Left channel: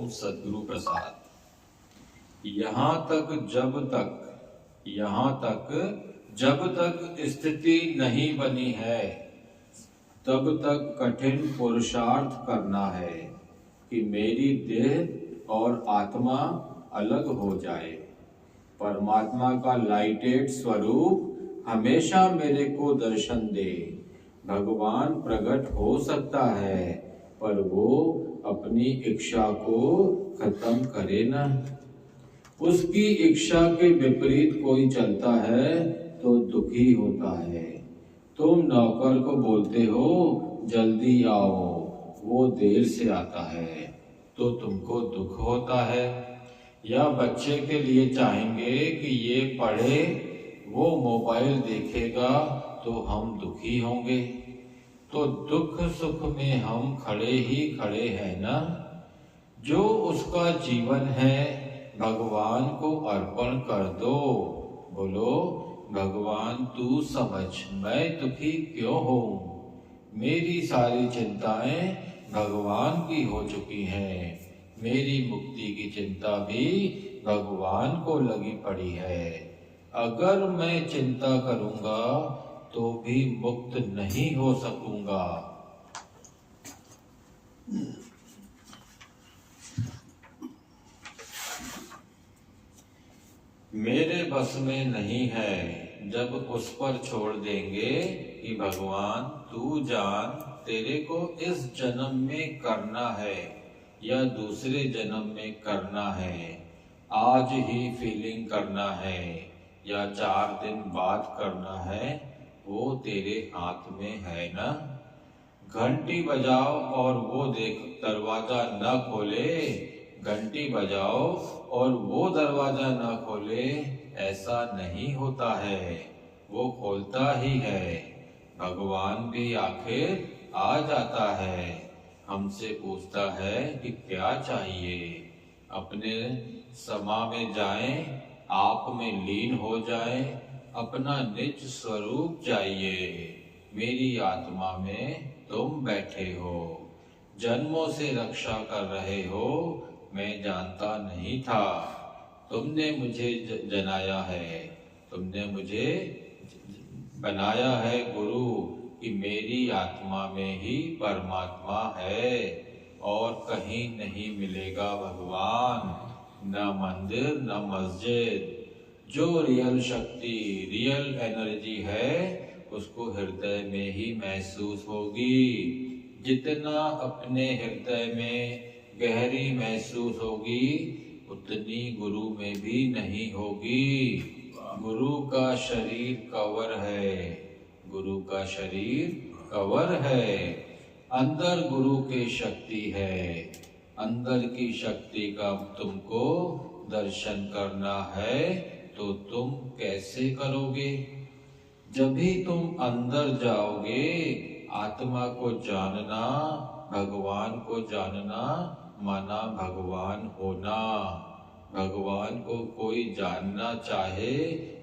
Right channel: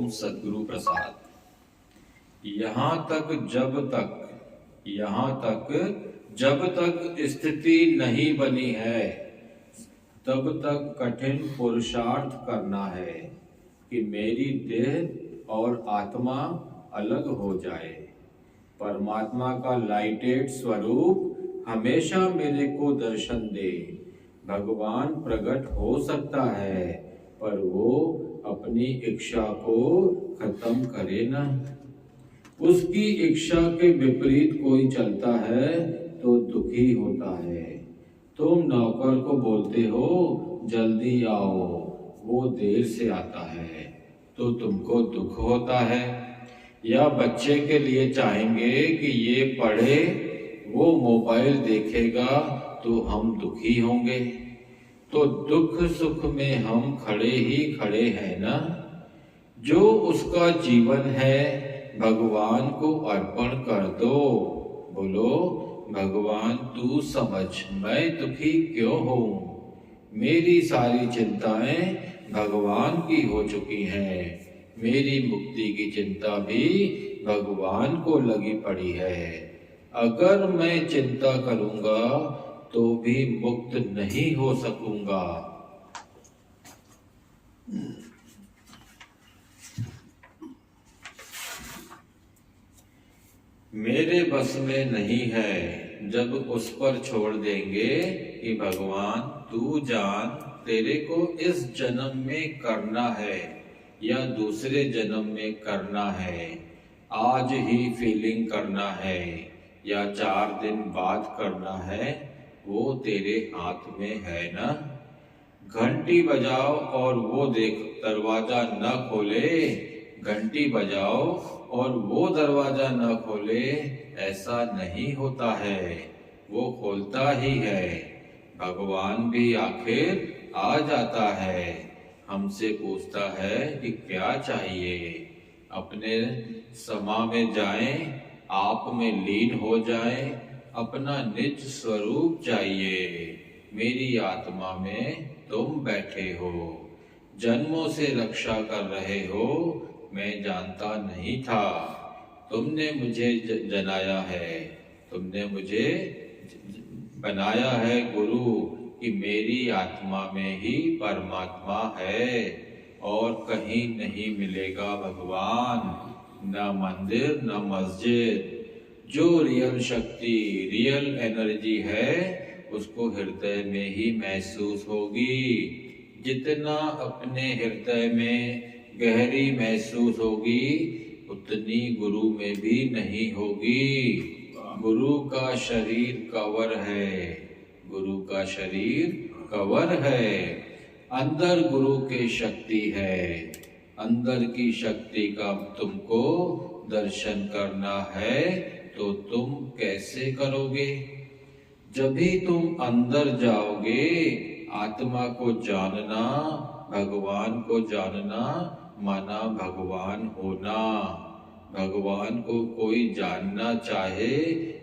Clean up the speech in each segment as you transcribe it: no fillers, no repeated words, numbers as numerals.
ओम सद्गुरु प्रसाद। यहाँ तक जब तक स्थिति नहीं बनी है तब तक कठिन पुरुषार्थ करना है कि मेरी देह और आत्मा अलग हो जाए। परमात्मा का लाइटेड स्वरूप हमेशा मेरे को दर्शन दे। भगवान प्रकट हो सकता है पर वो अपनी इच्छा को खत्म करे ना। उसकी इच्छा के विपरीत कोई चलता है तो दुखी होता है। तुम नौकर को बोलते हो जल्दी आओ, वो देर से आता है तो तुमको दुख होता है। या बच्चे के लिए चाहेंगे कि ये पढ़े, वो मोबाइल देखेगा तो हम दुखी होंगे। तो दुख सुख में हम खड़े ही खड़े हैं ना। जो उसका जीवन है भगवान को अर्पण कर दो। बोलो भगवान तू समझ मैं दुखी क्यों हूँ। मेरी सारी चिंताएं भगवान की हो चुकी हैं। मेरी मुक्ति की चिंता भी भगवान को लगी पड़ी है। अगर मैं चिंता करूंगा तो भी मुक्त नहीं हो सकूंगा। मेरे बस में नहीं है जब उस पर छोड़ देंगे कि भगवान तू जान तेरे को इस जन्म में करना है या दूसरे जन्म में करना है, आज ही फीलिंग करना है या 4 दिन बाद करना है, वो तेरे हाथ में है ना। घंटी बजाओ और वो देख दरवाजा न खोले, घंटी बजाओ और वो दरवाजा न खोले, ऐसा नहीं होता है, वो खोलता ही है। भगवान भी आखिर आ जाता है, हमसे पूछता है कि क्या चाहिए। अपने समा में जाएं, आप में लीन हो जाएं, अपना निज स्वरूप चाहिए। मेरी आत्मा में तुम बैठे हो, जन्मों से रक्षा कर रहे हो, मैं जानता नहीं था। तुमने मुझे जनाया है, तुमने मुझे बनाया है गुरु कि मेरी आत्मा में ही परमात्मा है और कहीं नहीं मिलेगा भगवान, न मंदिर न मस्जिद। जो रियल शक्ति रियल एनर्जी है उसको हृदय में ही महसूस होगी। जितना अपने हृदय में गहरी महसूस होगी उतनी गुरु में भी नहीं होगी। गुरु का शरीर कवर है, गुरु का शरीर कवर है, अंदर गुरु की शक्ति है। अंदर की शक्ति का तुमको दर्शन करना है तो तुम कैसे करोगे। जब भी तुम अंदर जाओगे, आत्मा को जानना, भगवान को जानना माना भगवान होना। भगवान को कोई जानना चाहे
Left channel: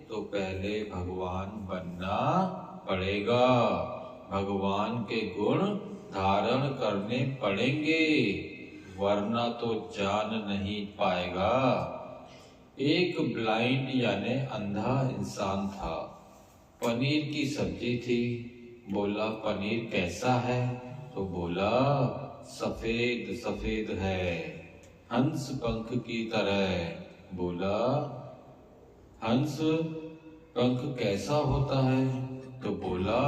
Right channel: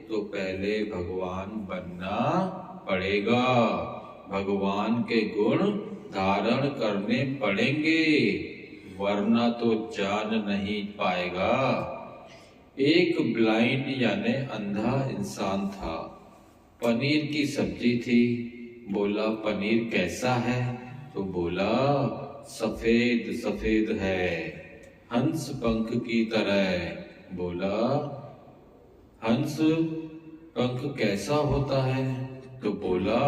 तो पहले भगवान बनना पड़ेगा। भगवान के गुण धारण करने पड़ेंगे, वरना तो जान नहीं पाएगा। एक ब्लाइंड यानी अंधा इंसान था। पनीर की सब्जी थी। बोला पनीर कैसा है? तो बोला सफेद सफेद है, हंस पंख की तरह। बोला हंस पंख कैसा होता है? तो बोला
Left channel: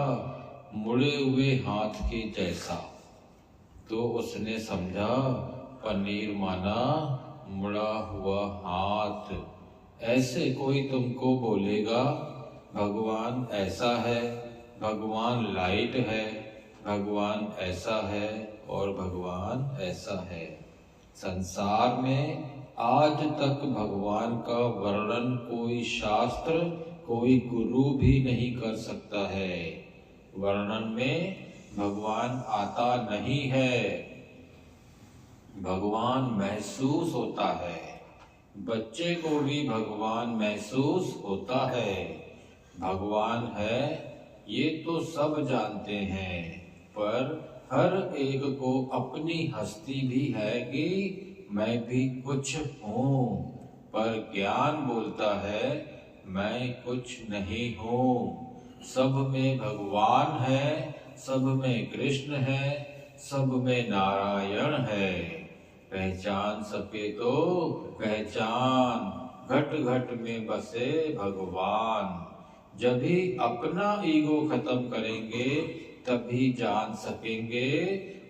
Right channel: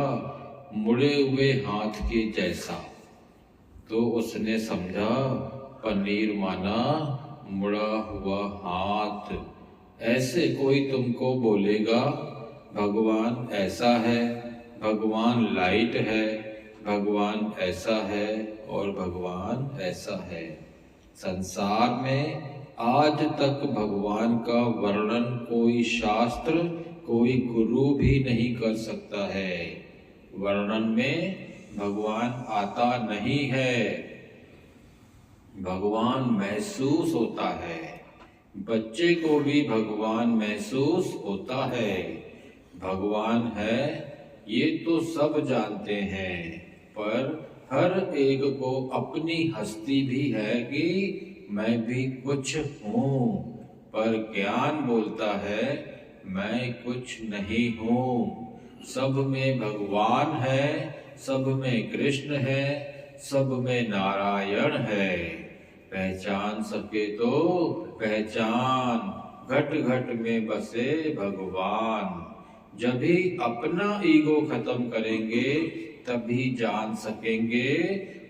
मुड़े हुए हाथ के जैसा। तो उसने समझा पनीर माना मुड़ा हुआ हाथ। ऐसे कोई तुमको बोलेगा भगवान ऐसा है, भगवान लाइट है, भगवान ऐसा है और भगवान ऐसा है। संसार में आज तक भगवान का वर्णन कोई शास्त्र कोई गुरु भी नहीं कर सकता है। वर्णन में भगवान आता नहीं है, भगवान महसूस होता है। बच्चे को भी भगवान महसूस होता है। भगवान है ये तो सब जानते हैं, पर हर एक को अपनी हस्ती भी है कि मैं भी कुछ हूँ, पर ज्ञान बोलता है मैं कुछ नहीं हूँ। सब में भगवान है, सब में कृष्ण है, सब में नारायण है। पहचान सके तो पहचान, घट घट में बसे भगवान। जब भी अपना ईगो खत्म करेंगे तभी जान सकेंगे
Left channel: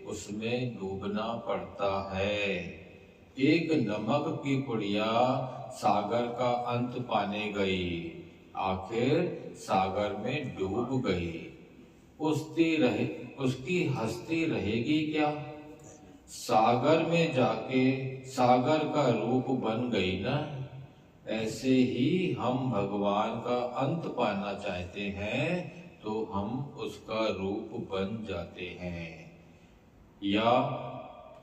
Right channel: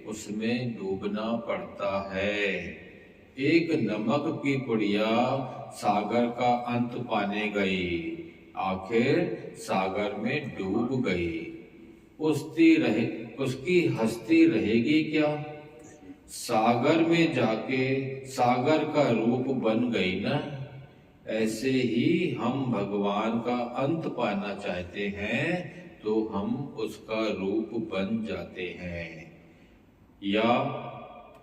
उसमें डूबना पड़ता है। एक नमक की पुड़िया सागर का अंत पाने गई, आखिर सागर में डूब गई। उसकी हस्ती रहेगी क्या? सागर में जाके सागर का रूप बन गई ना। ऐसे ही हम भगवान का अंत पाना चाहते हैं तो हम उसका रूप बन जाते हैं, या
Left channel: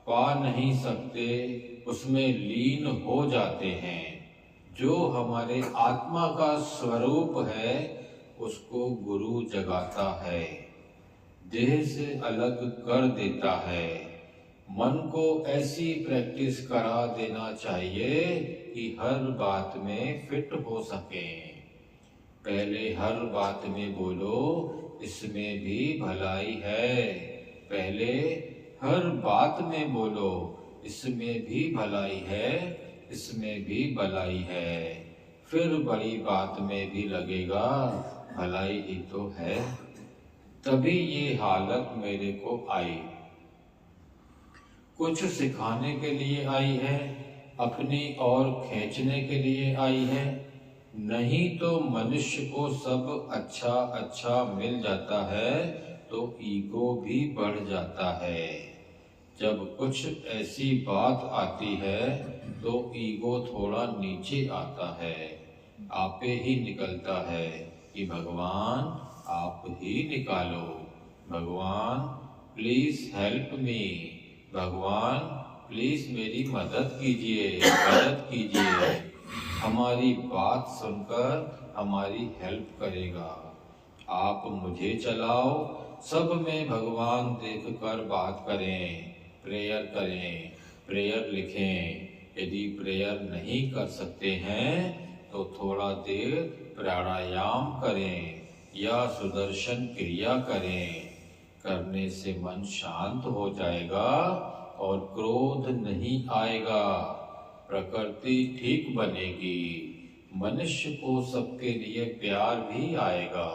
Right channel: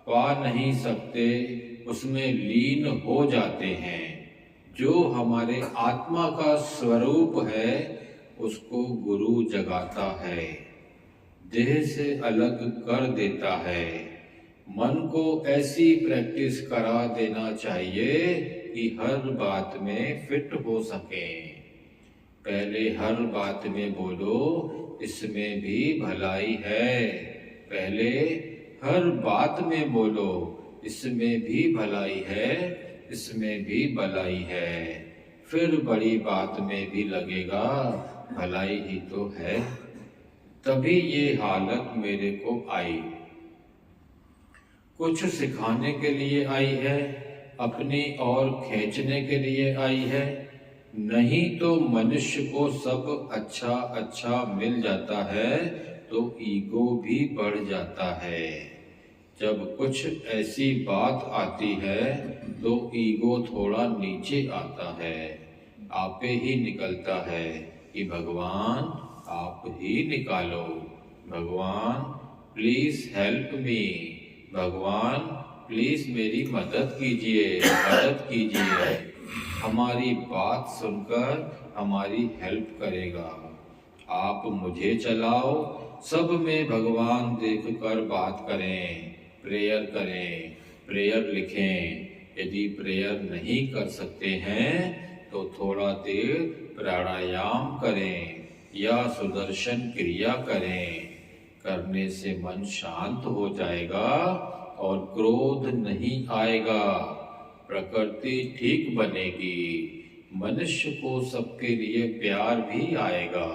पा नहीं सकते उसमें लीन हो जाते हैं। जो हमारे आत्मा का स्वरूप है उसको गुरु जगाता है, देह से अलग कर देता है। मन को ऐसी प्रैक्टिस करा देना चाहिए कि हर बात में फिट हो सके। पहले हर बात में बोलो इसमें भी भलाई है। पहले हर बात में बोलो इसमें भी भलाई है, इसमें भी भलाई है। फिर बड़ी बात में भी लगेगा भलाई ही तो है। तभी ये हालत मेरे को आई। कुछ सिखाने के लिए आई है, अपनी ओर खींचने के लिए आई है। नहीं तो मनुष्य को सब अच्छा अच्छा मिल जाता है तो ईगो भी बढ़ जाता है। जब कुछ ऐसी बात आती है तो ईगो थोड़ा नीचे आता है, आपे ही निकलता है कि भगवान आप ही निकालो, भगवान प्लीज हेल्प मी, भगवान प्लीज मेरी मदद कीजिए, मदद कीजिए। हमारी बात सुनकर हमारी हेल्प करेगा। आप मुझे चलाओ, सब में भगवान देखकर बात करें, प्रेयर करें, प्रेयर लिखें। यदि प्रेयर नहीं कर सकते हैं तो थोड़ा देर प्राणायाम करें या सुदर्शन क्रिया करें। करने से मन शांत हो जाएगा और क्रोध नहीं आएगा, प्रकृति ठीक बनेगी, मनुष्य को सबके लिए प्यार भी आएगा।